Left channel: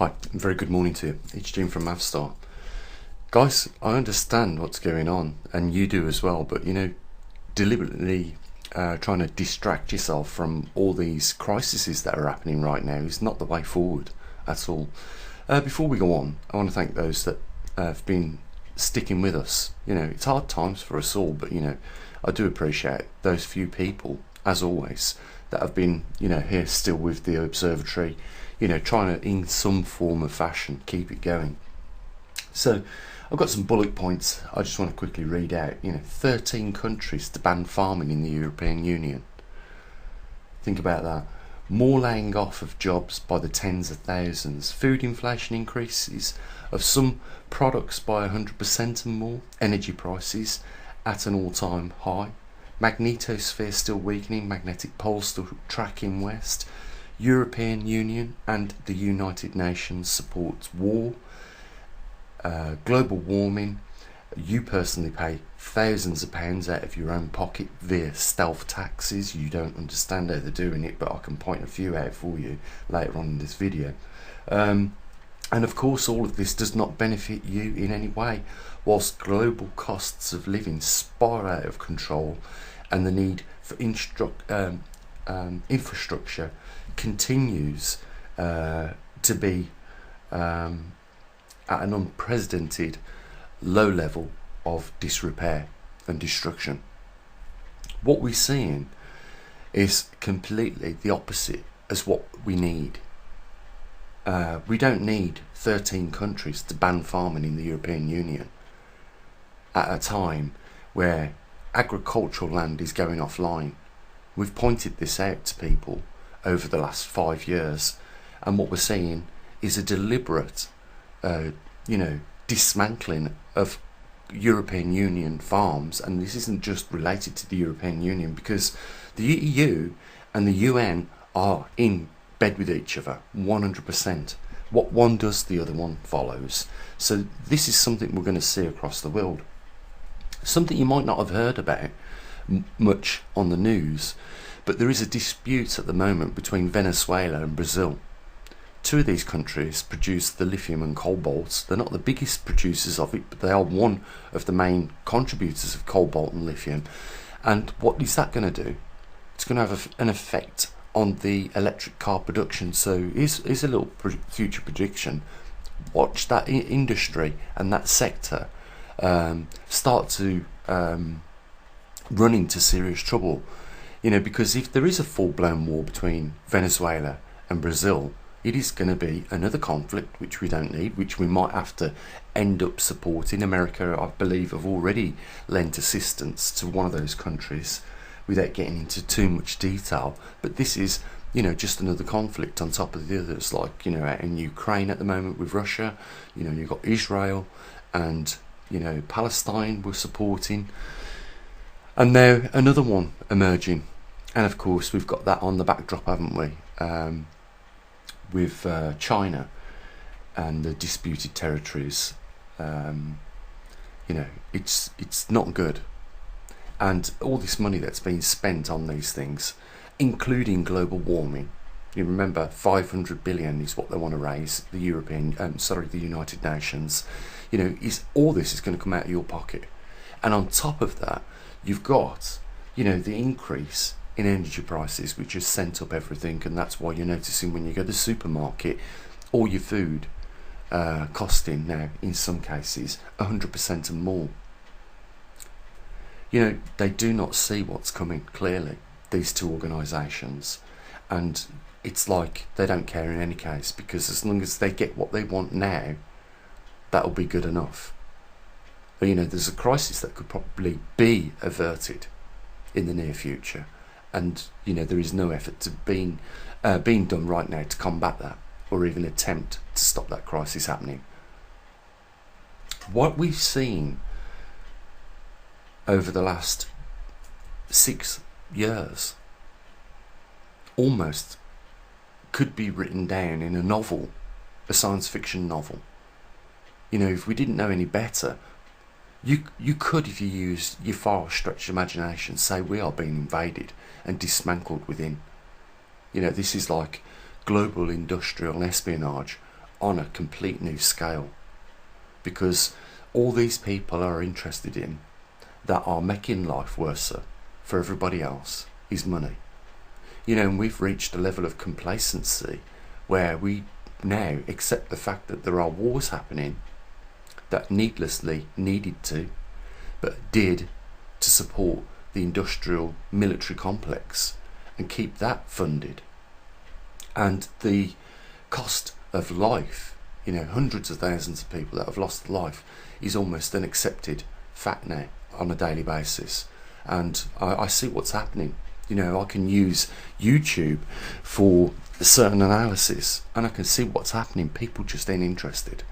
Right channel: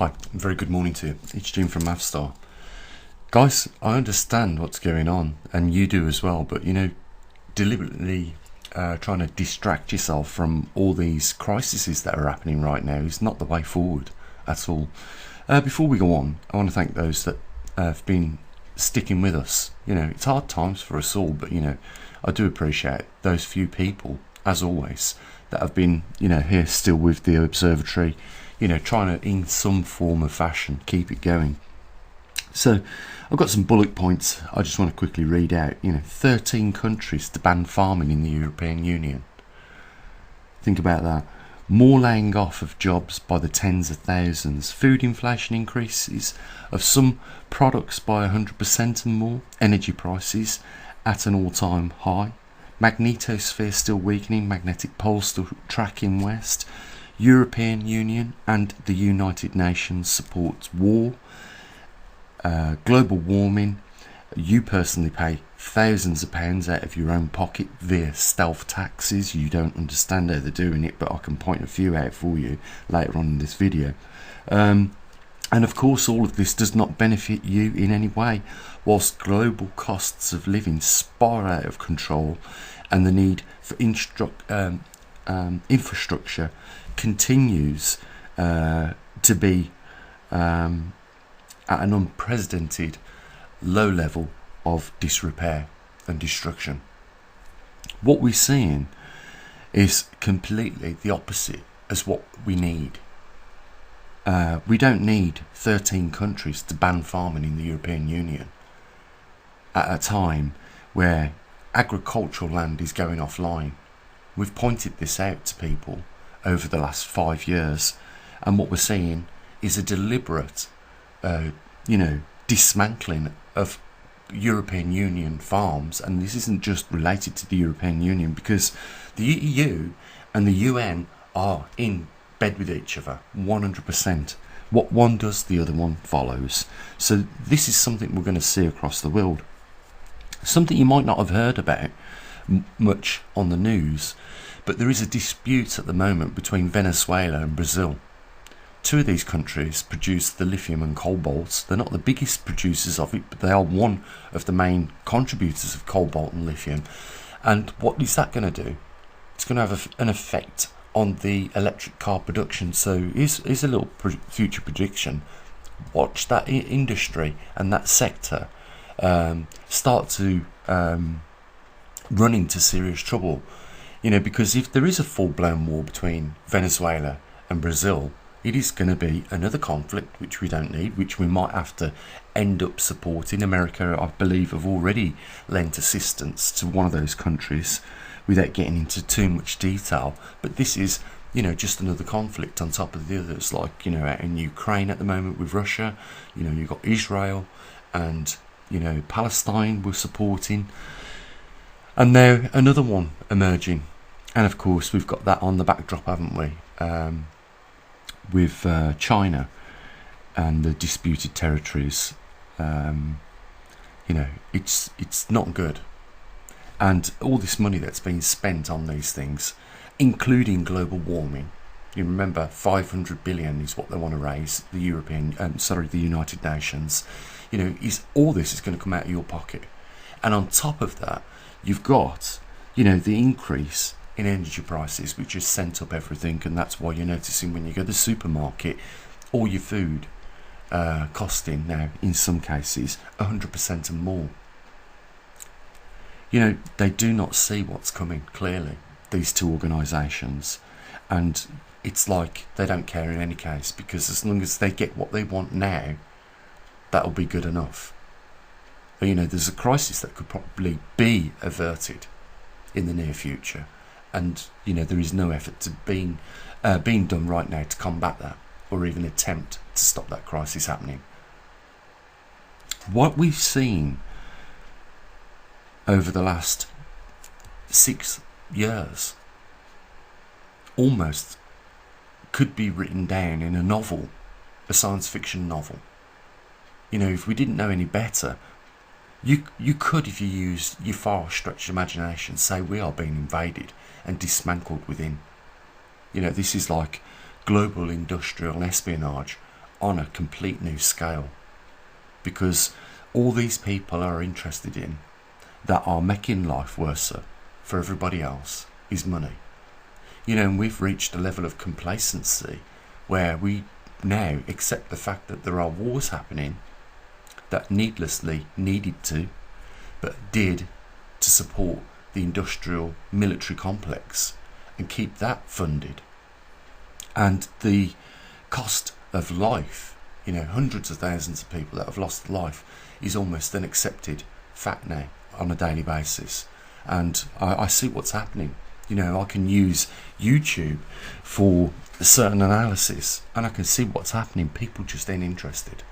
Hi, very good morning to you. It's Jim from maverickstar. Guys, I understand what's going on, and you do as well, but deliberately trying to distract yourself from all these crises that are happening right now is not the way forward at all. Before we go on, I want to thank those that have been sticking with us. It's hard times for us all, but I do appreciate those few people, as always, that have been here still with the observatory, trying to, in some form of fashion, keep it going. So I've got some bullet points I just want to quickly read out. 13 countries to ban farming in the European Union. Think about that. More laying off of jobs by the tens of thousands. Food inflation increases of some products by 100% and more. Energy prices at an all-time high. Magnetosphere still weakening. Magnetic poles still tracking west. European Union and the United Nations supports war. Global warming. You personally pay thousands of pounds out of your own pocket via stealth taxes. You don't understand how they're doing it, but I can point a few out for you later on in this video. And of course, all of this does not benefit you in any way, whilst global costs of living spiral out of control and the need for infrastructure continues to be at an unprecedented low level of disrepair and destruction. What we're seeing is completely the opposite as what we need. We don't need 13 countries to ban farming in the European Union at a time where agricultural land is going offline. We've pointed this out to people over the last 5 years, and what we're seeing is a deliberate dismantling of European Union farms. And this isn't just related to the European Union, because the EU and the UN are in bed with each other 100%. What one does, the other one follows. So this is something we're going to see across the world. Something you might not have heard about much on the news, but there is a dispute at the moment between Venezuela and Brazil. Two of these countries produce the lithium and cobalt. They're not the biggest producers of it, but they are one of the main contributors of cobalt and lithium. And what is that going to do? It's going to have an effect on the electric car production. So here's a little future prediction. Watch that industry and that sector start to run into serious trouble. Because if there is a full-blown war between Venezuela and Brazil, it is going to be another conflict which we don't need, which we might have to end up supporting. America, I believe, have already lent assistance to one of those countries without getting into too much detail. But this is, just another conflict on top of the others, like, out in Ukraine at the moment with Russia. You've got Israel and, Palestine we're supporting. And now another one emerging. And of course, we've got that on the backdrop, haven't we? With China and the disputed territories. It's not good. And all this money that's been spent on these things, including global warming. You remember, 500 billion is what they want to raise. The United Nations. Is all this is going to come out of your pocket. And on top of that, you've got, the increase in energy prices, which has sent up everything. And that's why you're noticing when you go to the supermarket, all your food costing now, in some cases, 100% and more. They do not see what's coming, clearly, these two organisations. And it's like they don't care in any case, because as long as they get what they want now, that'll be good enough. But, there's a crisis that could probably be averted in the near future. And, there is no effort to being done right now to combat that, or even attempt to stop that crisis happening. What we've seen over the last 6 years almost could be written down in a novel, a science fiction novel. If we didn't know any better, you could, if you used your far-stretched imagination, say we are being invaded and dismantled within. This is like global industrial espionage on a complete new scale, because all these people are interested in, that are making life worse for everybody else, is money. And we've reached a level of complacency where we now accept the fact that there are wars happening that needlessly needed to, but did, to support the industrial military complex and keep that funded. And the cost of life, hundreds of thousands of people that have lost life, is almost an accepted fact now on a daily basis. And I see what's happening. I can use YouTube for certain analysis, and I can see what's happening. People just ain't interested.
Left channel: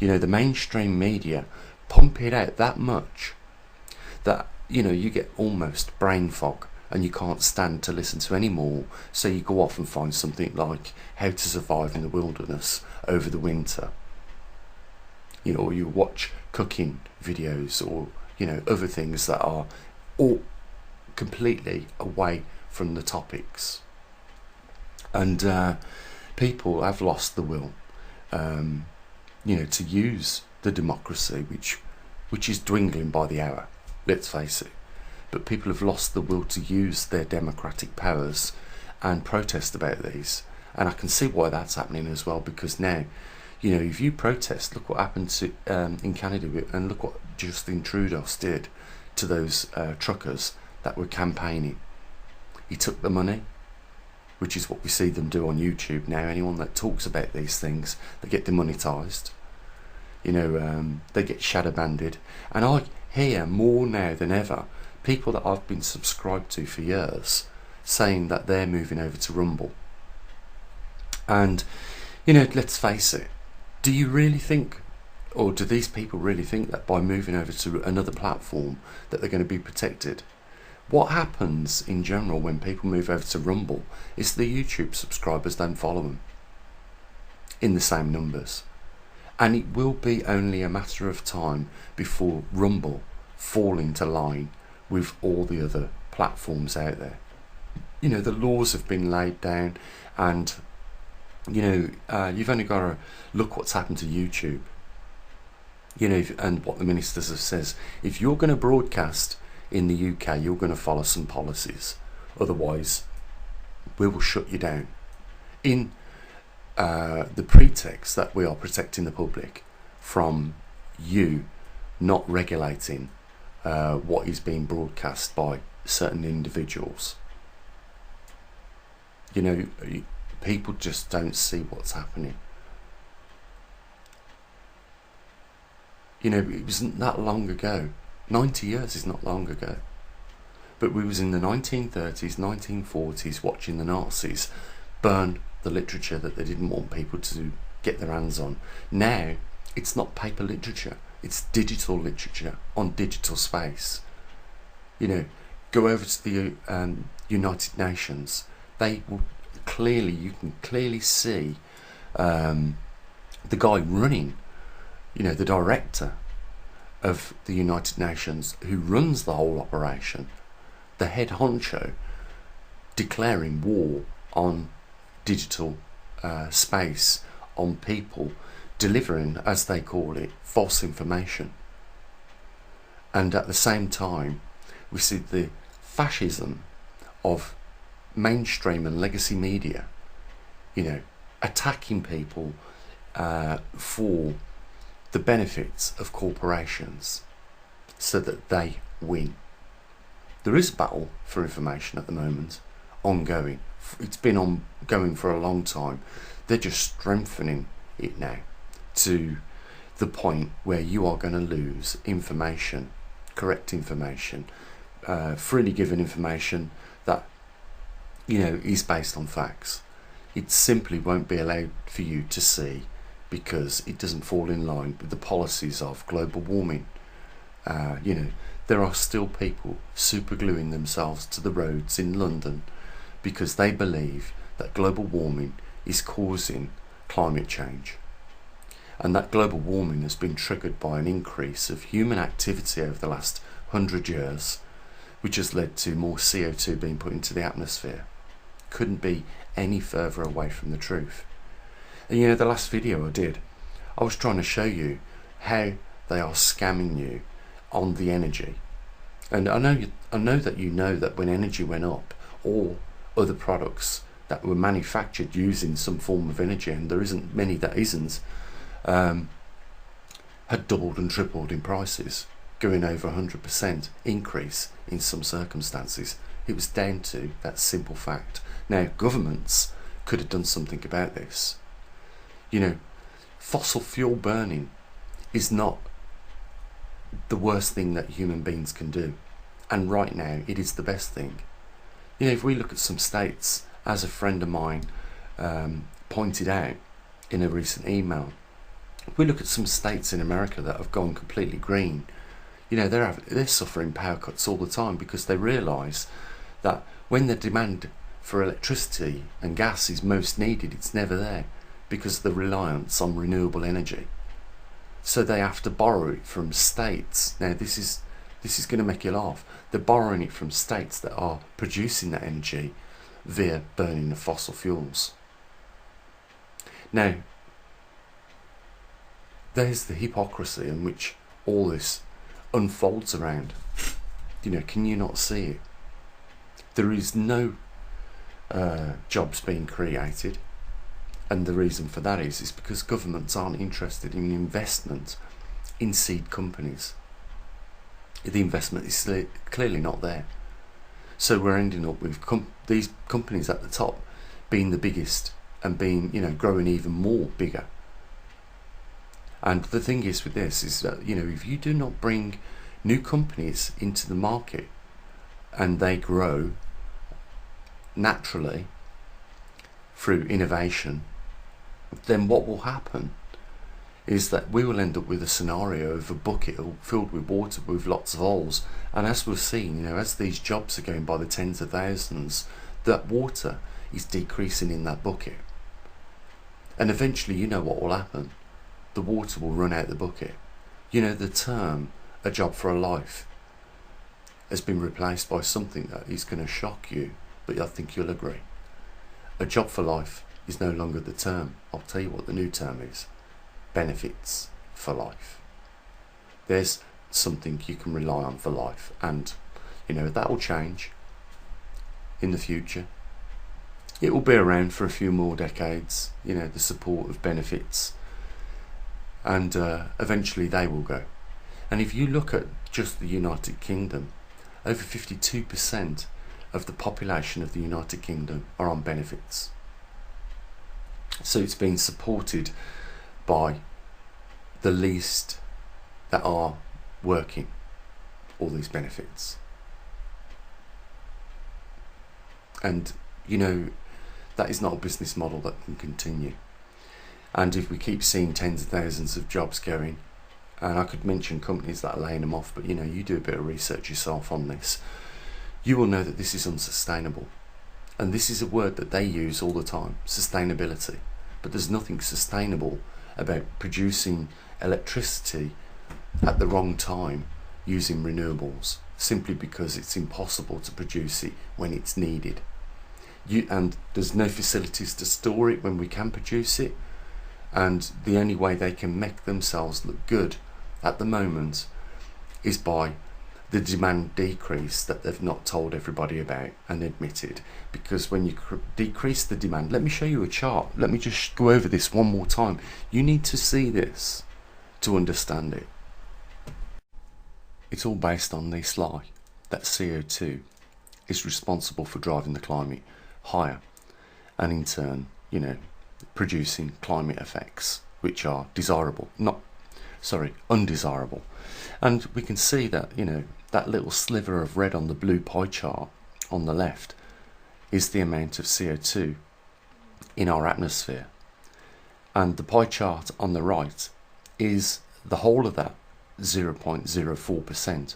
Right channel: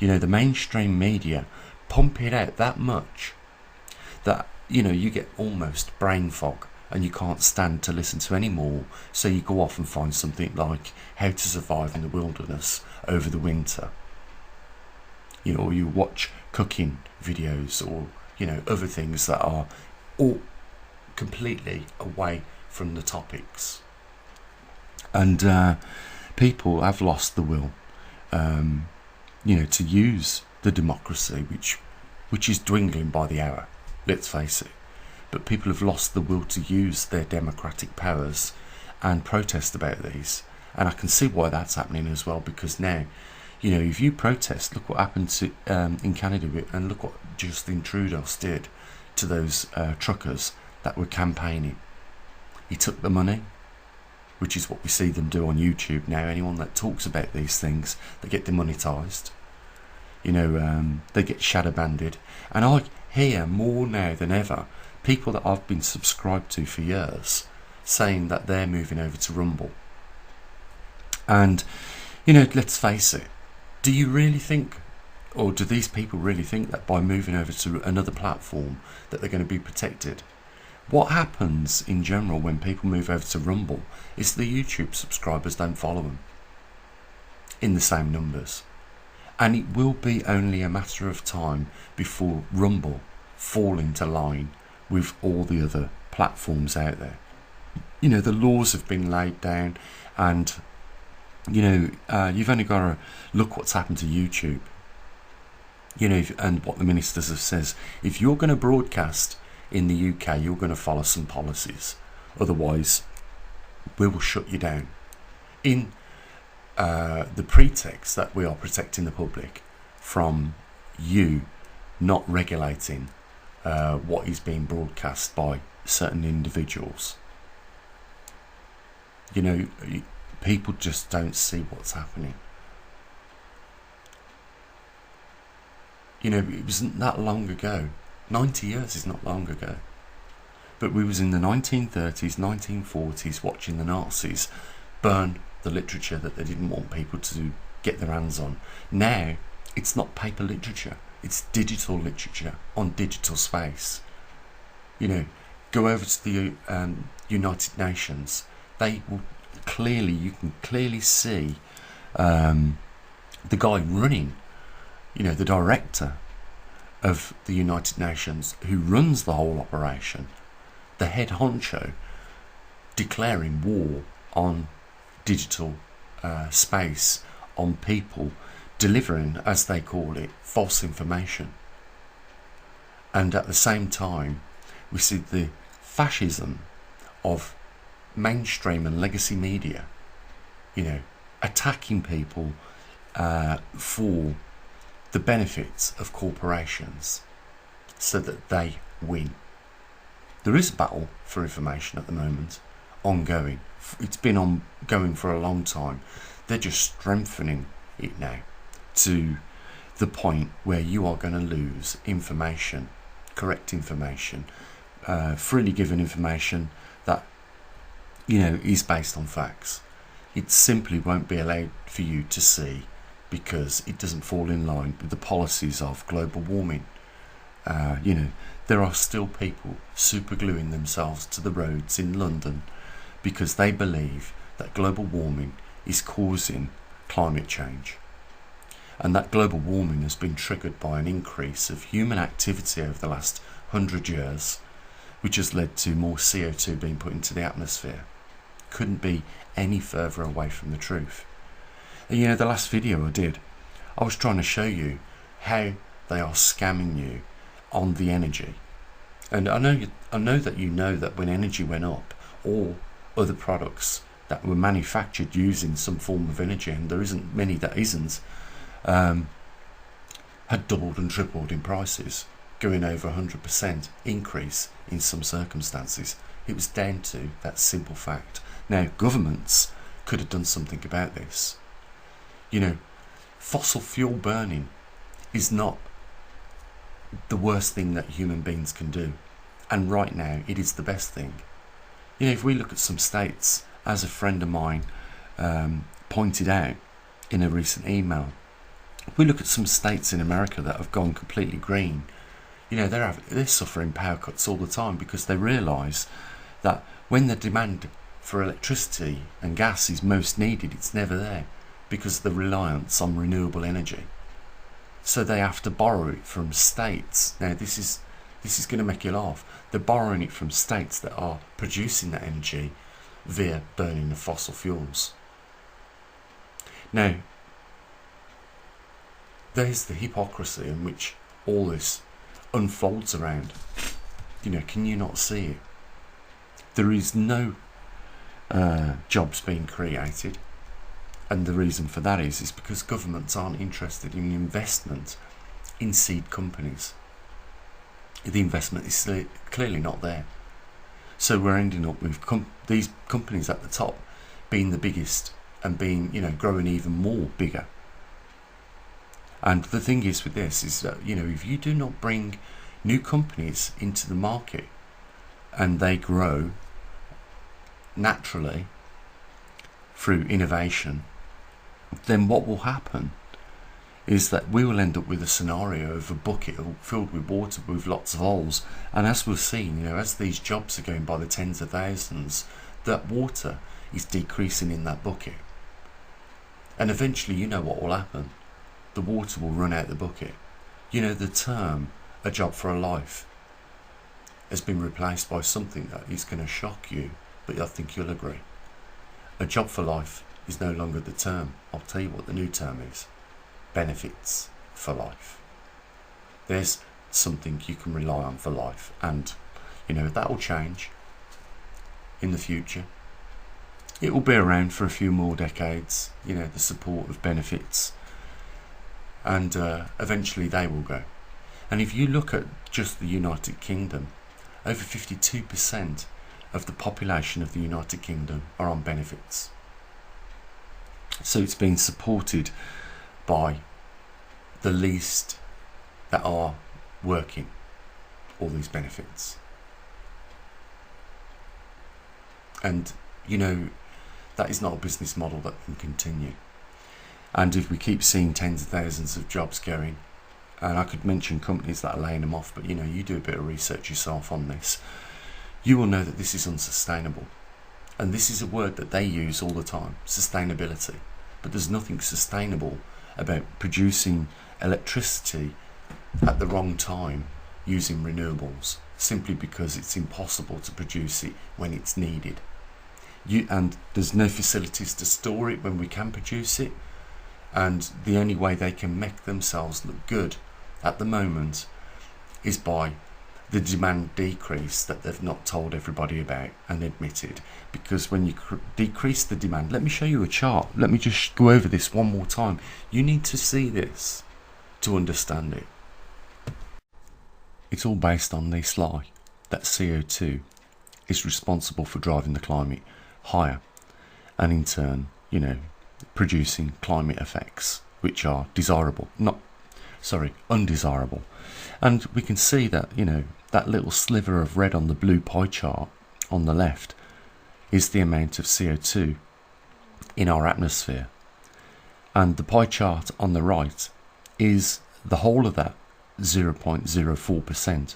The mainstream media pump it out that much that you get almost brain fog, and you can't stand to listen to any more. So you go off and find something like how to survive in the wilderness over the winter. Or you watch cooking videos, or other things that are all completely away from the topics. And people have lost the will, to use the democracy, which is dwindling by the hour. Let's face it. But people have lost the will to use their democratic powers and protest about these. And I can see why that's happening as well, because now, if you protest, look what happened to in Canada, and look what Justin Trudeau did to those truckers that were campaigning. He took the money, which is what we see them do on YouTube now. Anyone that talks about these things, they get demonetised. They get shadow banded. And I hear more now than ever people that I've been subscribed to for years saying that they're moving over to Rumble. And, let's face it, do you really think, or do these people really think that by moving over to another platform that they're going to be protected? What happens in general when people move over to Rumble is the YouTube subscribers don't follow them in the same numbers. And it will be only a matter of time before Rumble fall into line with all the other platforms out there. The laws have been laid down, and you've only got to look what's happened to YouTube. And what the ministers have says. If you're going to broadcast in the UK, you're going to follow some policies. Otherwise, we will shut you down. In the pretext that we are protecting the public from you not regulating what is being broadcast by certain individuals. People just don't see what's happening. It wasn't that long ago. 90 years is not long ago. But we was in the 1930s, 1940s watching the Nazis burn the literature that they didn't want people to get their hands on. Now, it's not paper literature. It's digital literature on digital space. Go over to the United Nations. They will you can clearly see the guy running, the director of the United Nations, who runs the whole operation, the head honcho, declaring war on digital space, on people delivering, as they call it, false information. And at the same time, we see the fascism of mainstream and legacy media, attacking people for the benefits of corporations so that they win. There is a battle for information at the moment, ongoing. It's been ongoing for a long time. They're just strengthening it now to the point where you are going to lose information, correct information, freely given information that is based on facts. It simply won't be allowed for you to see because it doesn't fall in line with the policies of global warming. There are still people supergluing themselves to the roads in London because they believe that global warming is causing climate change. And that global warming has been triggered by an increase of human activity over the last 100 years, which has led to more CO2 being put into the atmosphere. Couldn't be any further away from the truth. And you know, the last video I did, I was trying to show you how they are scamming you on the energy. And I know that you know that when energy went up, all other products that were manufactured using some form of energy, and there isn't many that isn't, had doubled and tripled in prices, going over 100% increase in some circumstances. It was down to that simple fact. Now, governments could have done something about this. You know, fossil fuel burning is not the worst thing that human beings can do. And right now, it is the best thing. You know, if we look at some states, as a friend of mine pointed out in a recent email, if we look at some states in America that have gone completely green, you know, they're suffering power cuts all the time because they realise that when the demand for electricity and gas is most needed, it's never there because of the reliance on renewable energy. So they have to borrow it from states. Now this is going to make you laugh. They're borrowing it from states that are producing that energy via burning the fossil fuels. Now, there's the hypocrisy in which all this unfolds around. You know, can you not see it? There is no jobs being created, and the reason for that is because governments aren't interested in investment in seed companies. The investment is clearly not there. So we're ending up with these companies at the top being the biggest and being, you know, growing even more bigger. And the thing is with this is that, you know, if you do not bring new companies into the market and they grow naturally through innovation, then what will happen is that we will end up with a scenario of a bucket filled with water with lots of holes. And as we've seen, you know, as these jobs are going by the tens of thousands, that water is decreasing in that bucket. And eventually, you know what will happen. The water will run out the bucket. You know, the term, a job for a life, has been replaced by something that is going to shock you, but I think you'll agree. A job for life is no longer the term. I'll tell you what the new term is. Benefits for life. There's something you can rely on for life, and you know that will change in the future. It will be around for a few more decades, you know, the support of benefits, and eventually they will go. And if you look at just the United Kingdom, over 52% of the population of the United Kingdom are on benefits. So it's been supported by the least that are working, all these benefits. And you know, that is not a business model that can continue. And if we keep seeing tens of thousands of jobs going, and I could mention companies that are laying them off, but you know, you do a bit of research yourself on this, you will know that this is unsustainable. And this is a word that they use all the time, sustainability. But there's nothing sustainable about producing electricity at the wrong time using renewables, simply because it's impossible to produce it when it's needed. And there's no facilities to store it when we can produce it, and the only way they can make themselves look good at the moment is by the demand decrease that they've not told everybody about and admitted. Because when you decrease the demand, let me show you a chart, let me just go over this one more time. You need to see this to understand it. It's all based on this lie that CO2 is responsible for driving the climate higher, and in turn, you know, producing climate effects which are undesirable. And we can see that, you know, that little sliver of red on the blue pie chart on the left is the amount of CO2 in our atmosphere, and the pie chart on the right is the whole of that 0.04%.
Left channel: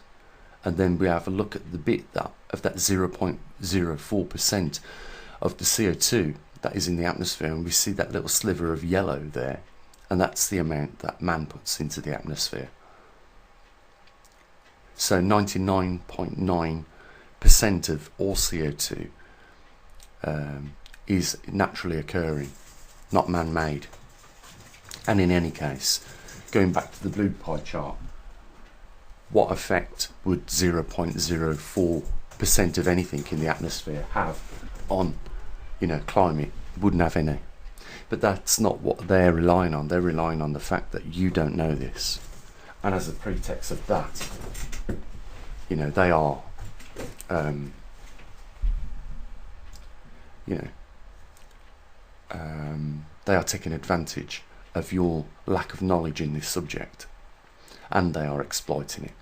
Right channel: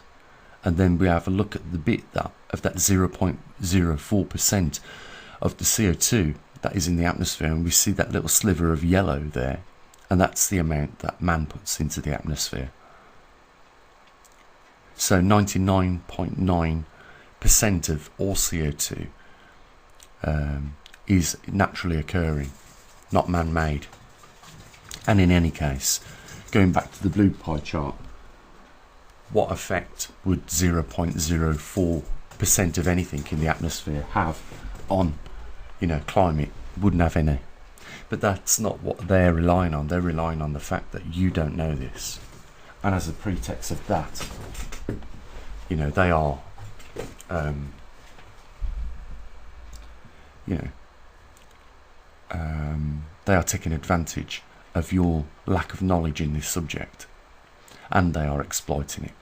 And then we have a look at the bit of that 0.04% of the CO2 that is in the atmosphere, and we see that little sliver of yellow there, and that's the amount that man puts into the atmosphere. So 99.9% of all CO2 is naturally occurring, not man-made. And in any case, going back to the blue pie chart, what effect would 0.04% of anything in the atmosphere have on, climate? Wouldn't have any. But that's not what they're relying on. They're relying on the fact that you don't know this. And as a pretext of that, they are, they are taking advantage of your lack of knowledge in this subject, and they are exploiting it.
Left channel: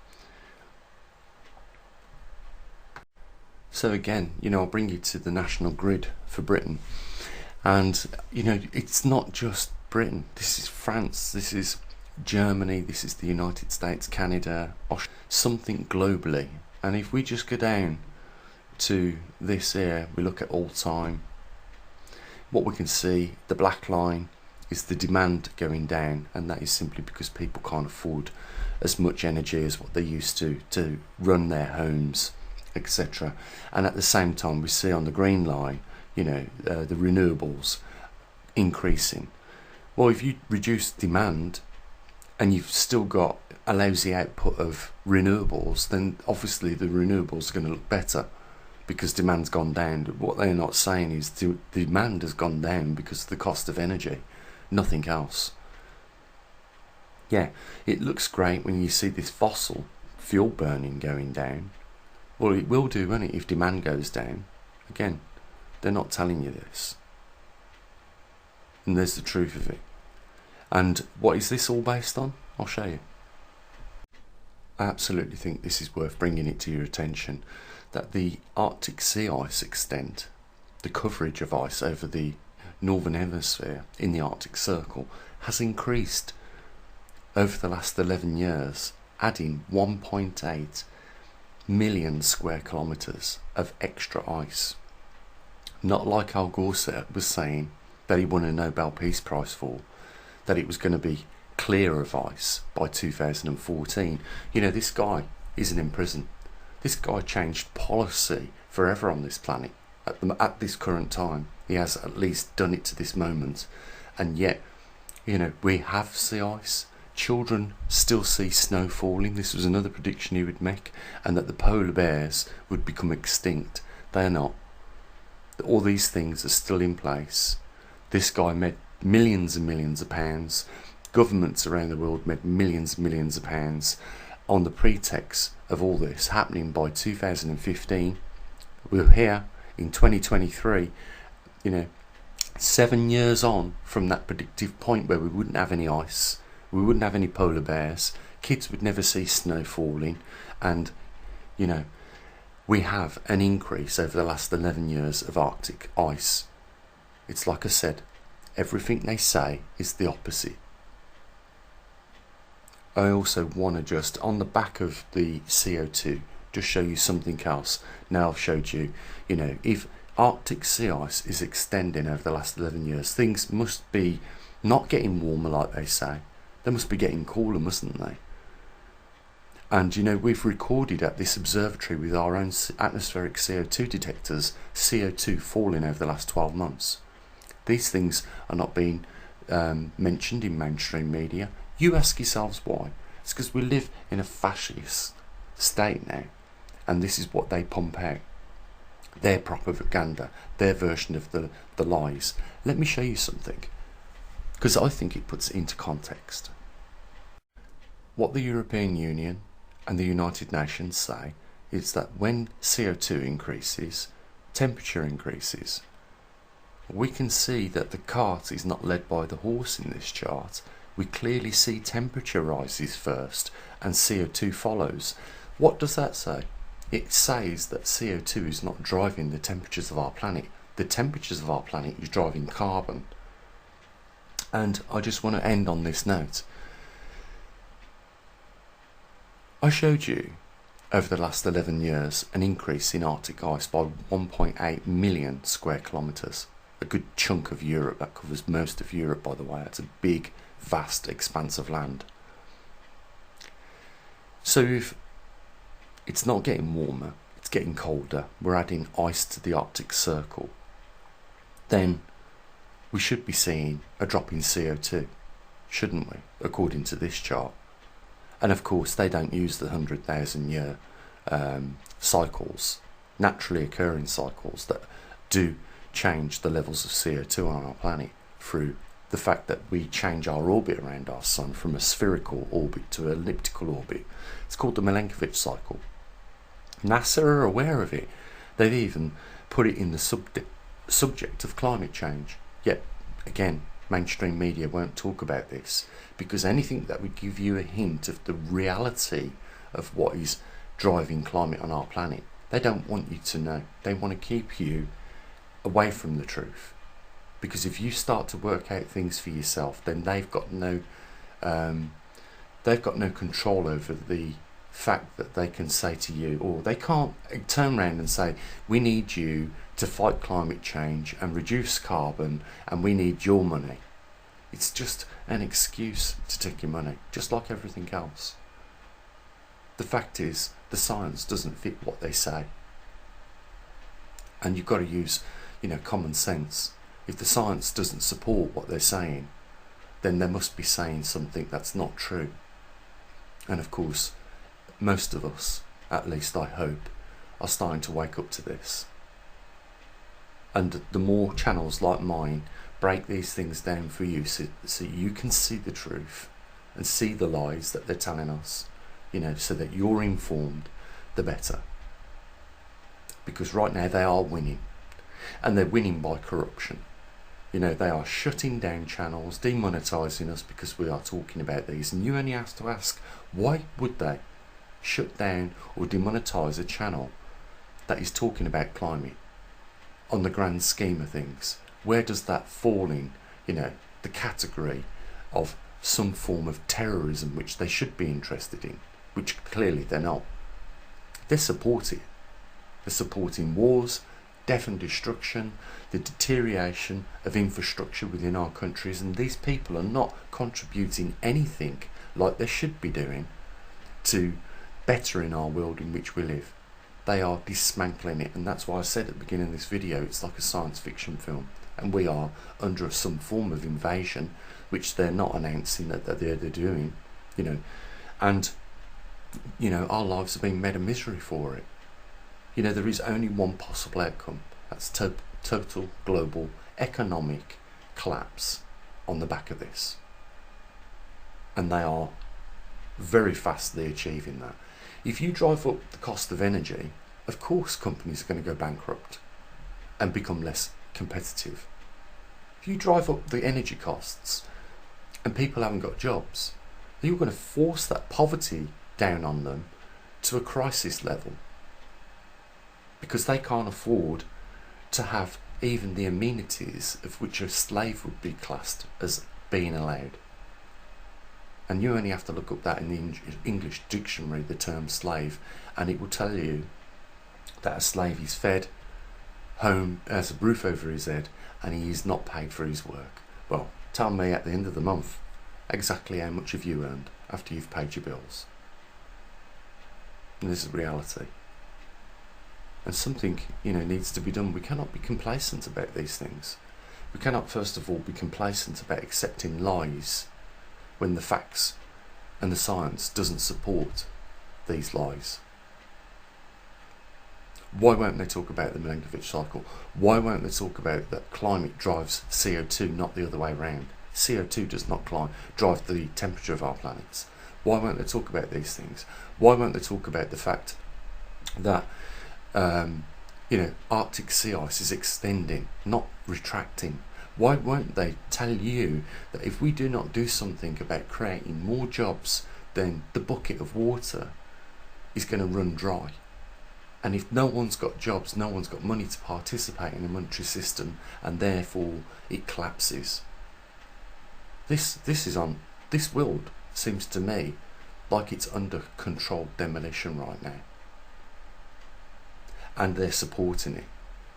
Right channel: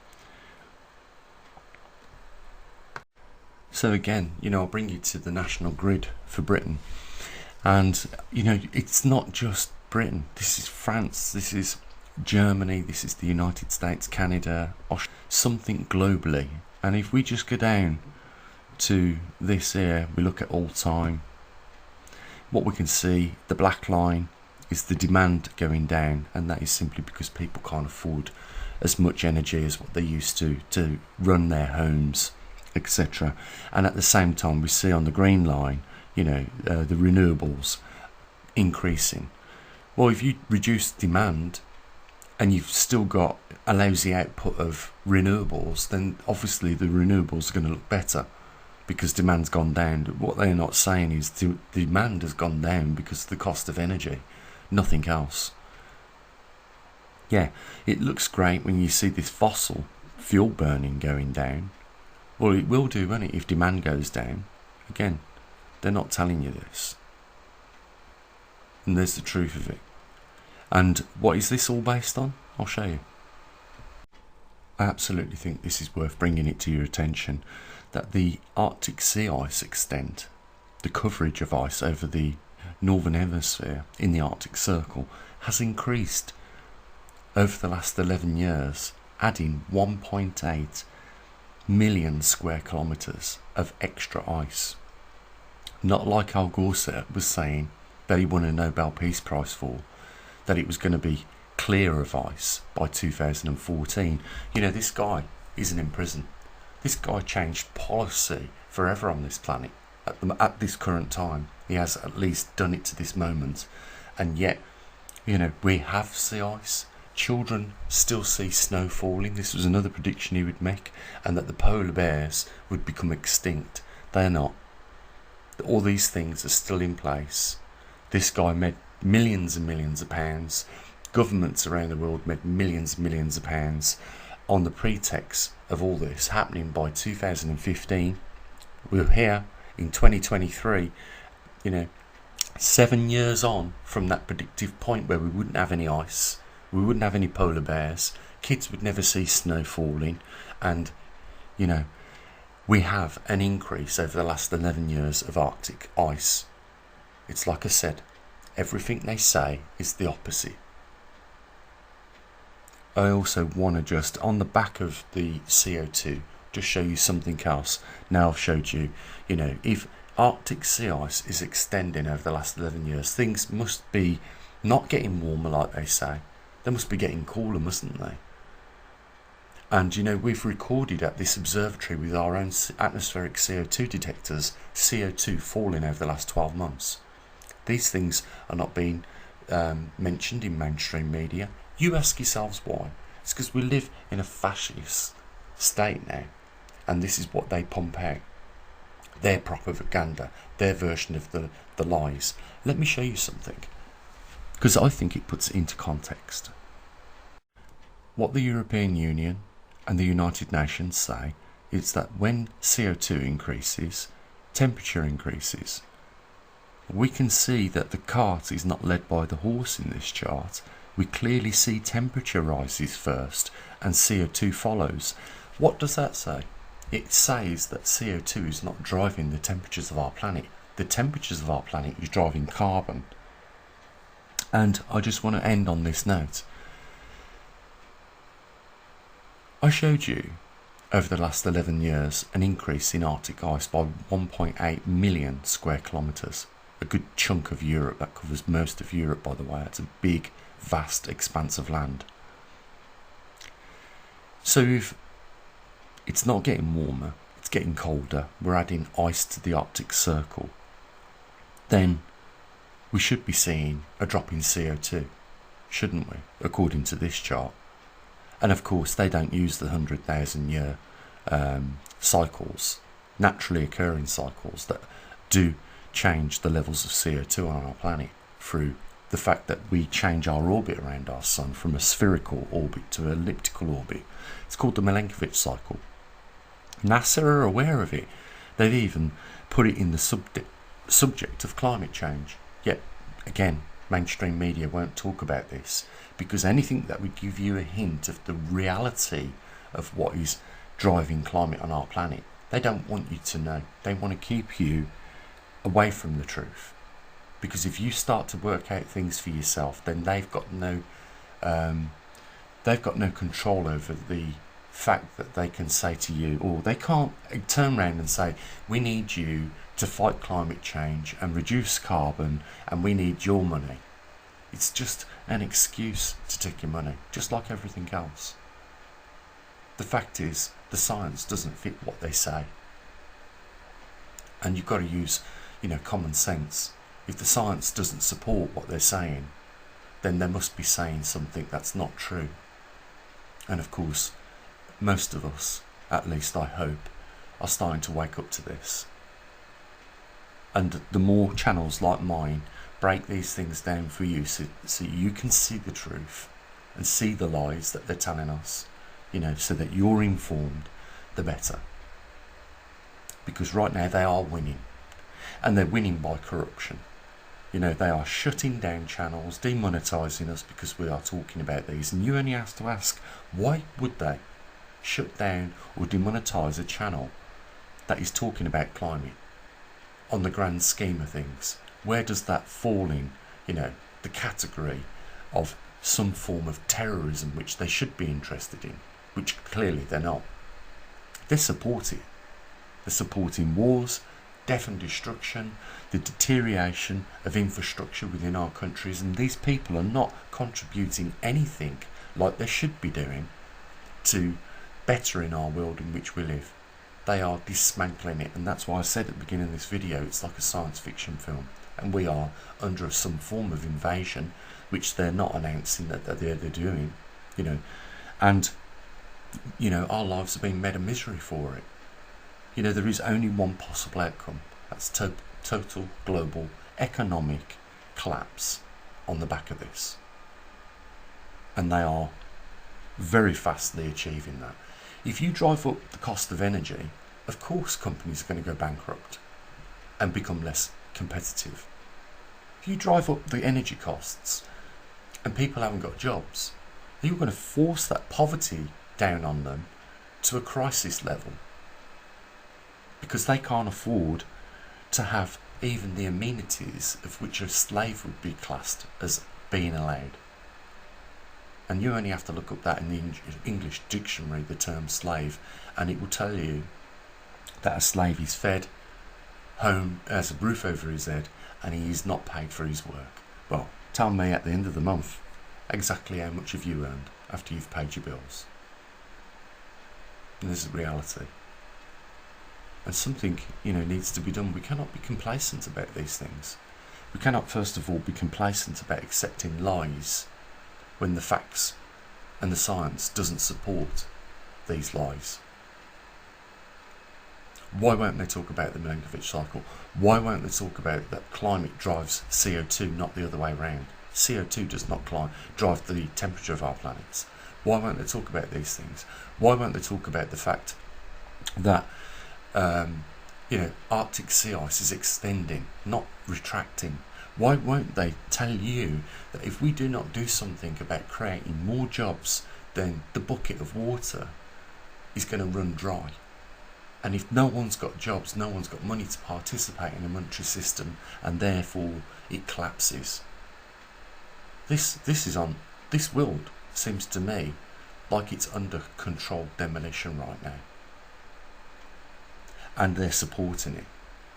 So again, I'll bring you to the national grid for Britain, and it's not just Britain. This is France, this is Germany, this is the United States, Canada, something globally. And if we just go down to this here, we look at all time, what we can see, the black line is the demand going down, and that is simply because people can't afford as much energy as what they used to run their homes, etc. And at the same time, we see on the green line, the renewables increasing. Well, if you reduce demand and you've still got a lousy output of renewables, then obviously the renewables are going to look better because demand's gone down. What they're not saying is the demand has gone down because of the cost of energy, nothing else. Yeah, it looks great when you see this fossil fuel burning going down. Well, it will do, won't it, if demand goes down. Again, they're not telling you this. And there's the truth of it. And what is this all based on? I'll show you. I absolutely think this is worth bringing it to your attention, that the Arctic sea ice extent, the coverage of ice over the northern hemisphere in the Arctic Circle, has increased over the last 11 years, adding 1.8 million square kilometres of extra ice. Not like Al Gore was saying that he won a Nobel Peace Prize for, that it was going to be clear of ice by 2014. This guy isn't in prison. This guy changed policy forever on this planet at this current time. He has at least done it to this moment. And yet, we have sea ice. Children still see snow falling. This was another prediction he would make. And that the polar bears would become extinct. They're not. All these things are still in place. This guy made millions and millions of pounds. Governments around the world made millions and millions of pounds on the pretext of all this happening by 2015. We're here in 2023, 7 years on from that predictive point where we wouldn't have any ice, we wouldn't have any polar bears, kids would never see snow falling, and we have an increase over the last 11 years of Arctic ice. It's like I said, everything they say is the opposite. I also want to just, on the back of the CO2, just show you something else. Now I've showed you, if Arctic sea ice is extending over the last 11 years, things must be not getting warmer like they say. They must be getting cooler, mustn't they? And we've recorded at this observatory with our own atmospheric CO2 detectors, CO2 falling over the last 12 months. These things are not being mentioned in mainstream media. You ask yourselves why. It's because we live in a fascist state now, and this is what they pump out. Their propaganda, their version of the lies. Let me show you something, because I think it puts it into context. What the European Union and the United Nations say is that when CO2 increases, temperature increases. We can see that the cart is not led by the horse in this chart. We clearly see temperature rises first and CO2 follows. What does that say? It says that CO2 is not driving the temperatures of our planet. The temperatures of our planet is driving carbon. And I just want to end on this note. I showed you over the last 11 years an increase in Arctic ice by 1.8 million square kilometres. A good chunk of Europe. That covers most of Europe, by the way. It's a big, vast expanse of land. So if it's not getting warmer, it's getting colder, we're adding ice to the Arctic Circle, then we should be seeing a drop in CO2. shouldn't we, according to this chart? And of course, they don't use the 100,000 year cycles, naturally occurring cycles that do change the levels of CO2 on our planet through the fact that we change our orbit around our sun from a spherical orbit to an elliptical orbit. It's called the Milankovitch cycle. NASA are aware of it. They've even put it in the subject of climate change. Yet, again, mainstream media won't talk about this, because anything that would give you a hint of the reality of what is driving climate on our planet, they don't want you to know. They want to keep you away from the truth. Because if you start to work out things for yourself, then they've got no control over the fact that they can say to you, or they can't turn around and say, we need you to fight climate change and reduce carbon, and we need your money. It's just an excuse to take your money, just like everything else. The fact is, the science doesn't fit what they say. And you've got to use, common sense. If the science doesn't support what they're saying, then they must be saying something that's not true. And of course, most of us, at least I hope, are starting to wake up to this. And the more channels like mine break these things down for you, so you can see the truth and see the lies that they're telling us, so that you're informed, the better. Because right now they are winning, and they're winning by corruption. They are shutting down channels, demonetising us because we are talking about these. And you only have to ask, why would they shut down or demonetise a channel that is talking about climate on the grand scheme of things? Where does that fall in, the category of some form of terrorism which they should be interested in, which clearly they're not? They're supporting. They're supporting wars, death and destruction, the deterioration of infrastructure within our countries, and these people are not contributing anything like they should be doing to bettering our world in which we live. They are dismantling it, and that's why I said at the beginning of this video, it's like a science fiction film, and we are under some form of invasion, which they're not announcing that they're doing, and our lives are being made a misery for it. There is only one possible outcome. That's total global economic collapse on the back of this. And they are very fastly achieving that. If you drive up the cost of energy, of course companies are going to go bankrupt and become less competitive. If you drive up the energy costs and people haven't got jobs, you're going to force that poverty down on them to a crisis level, because they can't afford to have even the amenities of which a slave would be classed as being allowed. And you only have to look up that in the English dictionary, the term slave, and it will tell you that a slave is fed, home, has a roof over his head, and he is not paid for his work. Well, tell me at the end of the month exactly how much have you earned after you've paid your bills. And this is reality. And something, needs to be done. We cannot be complacent about these things. We cannot, first of all, be complacent about accepting lies when the facts and the science doesn't support these lies. Why won't they talk about the Milankovitch cycle? Why won't they talk about that climate drives CO2, not the other way around? CO2 does not drive the temperature of our planets. Why won't they talk about these things? Why won't they talk about the fact that Arctic sea ice is extending, not retracting? Why won't they tell you that if we do not do something about creating more jobs, then the bucket of water is going to run dry? And if no one's got jobs, no one's got money to participate in a monetary system, and therefore it collapses. This world seems to me like it's under controlled demolition right now. And they're supporting it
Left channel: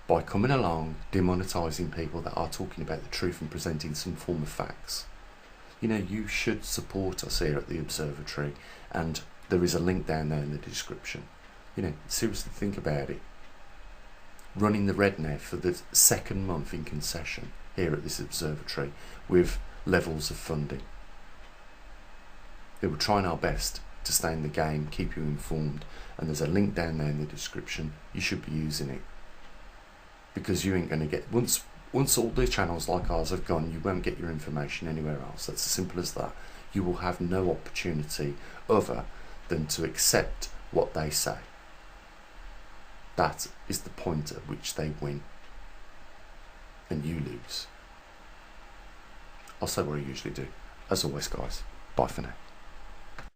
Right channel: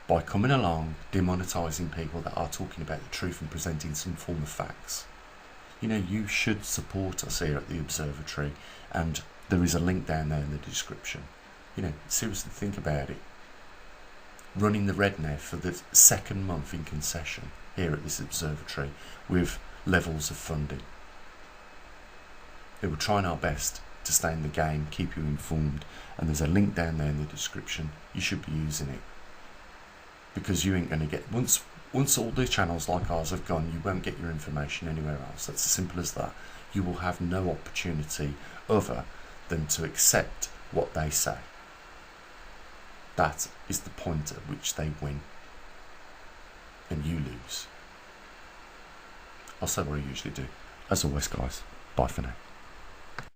by coming along, demonetising people that are talking about the truth and presenting some form of facts. You should support us here at the Observatory, and there is a link down there in the description. Seriously think about it. Running the red now for the second month in concession here at this Observatory with levels of funding. We're trying our best to stay in the game, keep you informed, and there's a link down there in the description. You should be using it, because you ain't going to get, once all the channels like ours have gone, you won't get your information anywhere else. That's as simple as that. You will have no opportunity other than to accept what they say. That is the point at which they win and you lose. I'll say what I usually do. As always, guys, bye for now.